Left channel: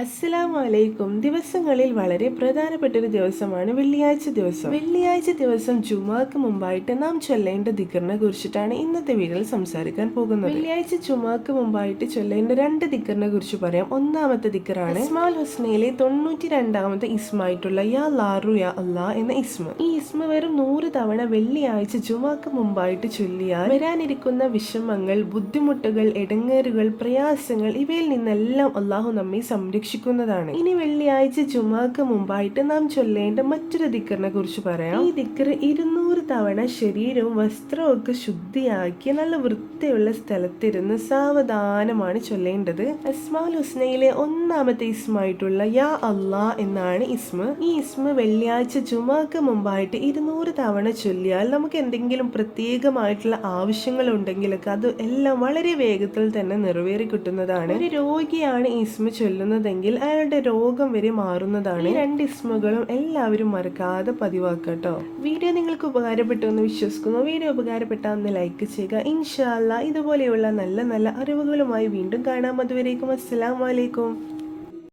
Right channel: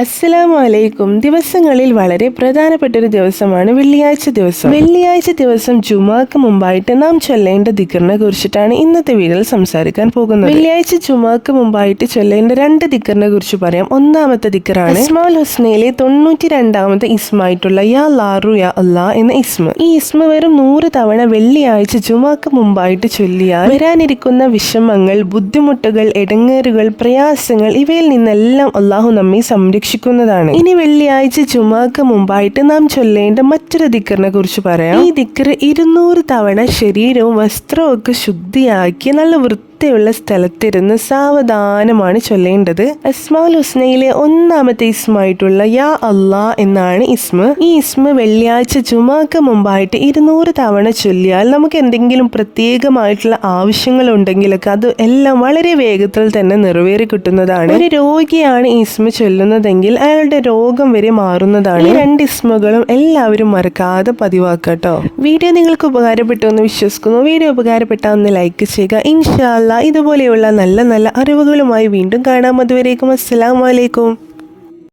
അസ്സലാമു അലൈക്കും. ദിവസങ്ങളിൽ വളരെ പ്രധാനപ്പെട്ട ഒരു ദിവസമാണ് വെള്ളിയാഴ്ച ദിവസം. വെള്ളിയാഴ്ച ദിവസം ജുമാക്ക് മുമ്പായിട്ട് നാം ചൊല്ലേണ്ട ദിക്റിനെ കുറിച്ചിട്ടാണ് ഇന്നത്തെ വീഡിയോയിൽ സംസാരിക്കാൻ പോകുന്നത്. വെള്ളിയാഴ്ച ജുമാക്ക് മുമ്പായിട്ട് ചൊല്ലേണ്ട 2 ദിക്റിനെ കുറിച്ച് പറയാം. ഒന്നാമത്തെ ദിക്റാണ് അസ്മാഉൽ ഹുസ്നയിലെ 92ാമത്തെ ഇസ്മായിട്ടുള്ള യാ ലാറു യാ അല്ലാ എന്ന ഇസ്മ. ഈ ഇസ്മ വെറും 100 തവണ വെള്ളിയാഴ്ച ജുമാക്ക് മുമ്പായിട്ട് ചൊല്ലിയാൽ വരാനിരിക്കുന്ന വിഷമങ്ങൾ, ബുദ്ധിമുട്ടുകൾ, ഇടങ്ങേറുകൾ, പ്രയാസങ്ങൾ ഇവയിൽ നിന്നെല്ലാം അള്ളാഹു നമ്മെ സംരക്ഷിക്കുന്നതാണ്. ഇനി വെള്ളിയാഴ്ച ജുമാക്ക് മുമ്പായിട്ട് നാം ചൊല്ലേണ്ട മറ്റൊരു ദിക്റിനെ കുറിച്ച് പറയാം. ഈ ദിക്ർ 200 തവണ ശരീരവും വസ്ത്രവും ഒക്കെ ശുദ്ധിയാക്കി നല്ല വൃത്തിയുള്ള സ്ഥലത്തിരുന്ന് സാവധാനമാണ് ചൊല്ലേണ്ടത്. അസ്മാഉൽ ഹുസ്നയിലെ 1ാമത്തെ ഇസ്മായിട്ടുള്ള യാ അല്ലാ എന്നാണ് ഇസ്മ. ഈ ഇസ്മ വെള്ളിയാഴ്ച ജുമാക്ക് മുമ്പായിട്ട് 200 തവണ ചൊല്ലിയാൽ നമുക്ക് എന്തെങ്കിലും പ്രത്യേകമായിട്ടുള്ള ആവശ്യങ്ങൾ ഉണ്ടെങ്കിലൊക്കെ അത് എല്ലാം വളരെ വേഗത്തിൽ തന്നെ നിറവേറി കിട്ടുന്നതാണ്. ഒരു രോഗിയാണ് ഈ ഇസ്മ ചൊല്ലുന്നതെങ്കിൽ അയാളുടെ രോഗം വരെ മാറുന്നതാണ്. ഈ 2 ഇസ്മകളും എല്ലാവരും മറക്കാതെ പതിവാക്കട്ടോ. വീഡിയോ നിങ്ങൾക്ക് ഉപകാരപ്പെട്ടു എന്ന് വിശ്വസിക്കുന്നു. വീഡിയോ ഉപകാരപ്പെട്ടാൽ ഒന്ന് ലൈക്ക് ചെയ്യുക. ഇൻഷാ അല്ലാഹ് ഇതുപോലെയുള്ള നല്ല നല്ല അറിവുകളുമായി വീണ്ടും കാണാം. അതുവരേക്കും അസ്സലാമു അലൈക്കും.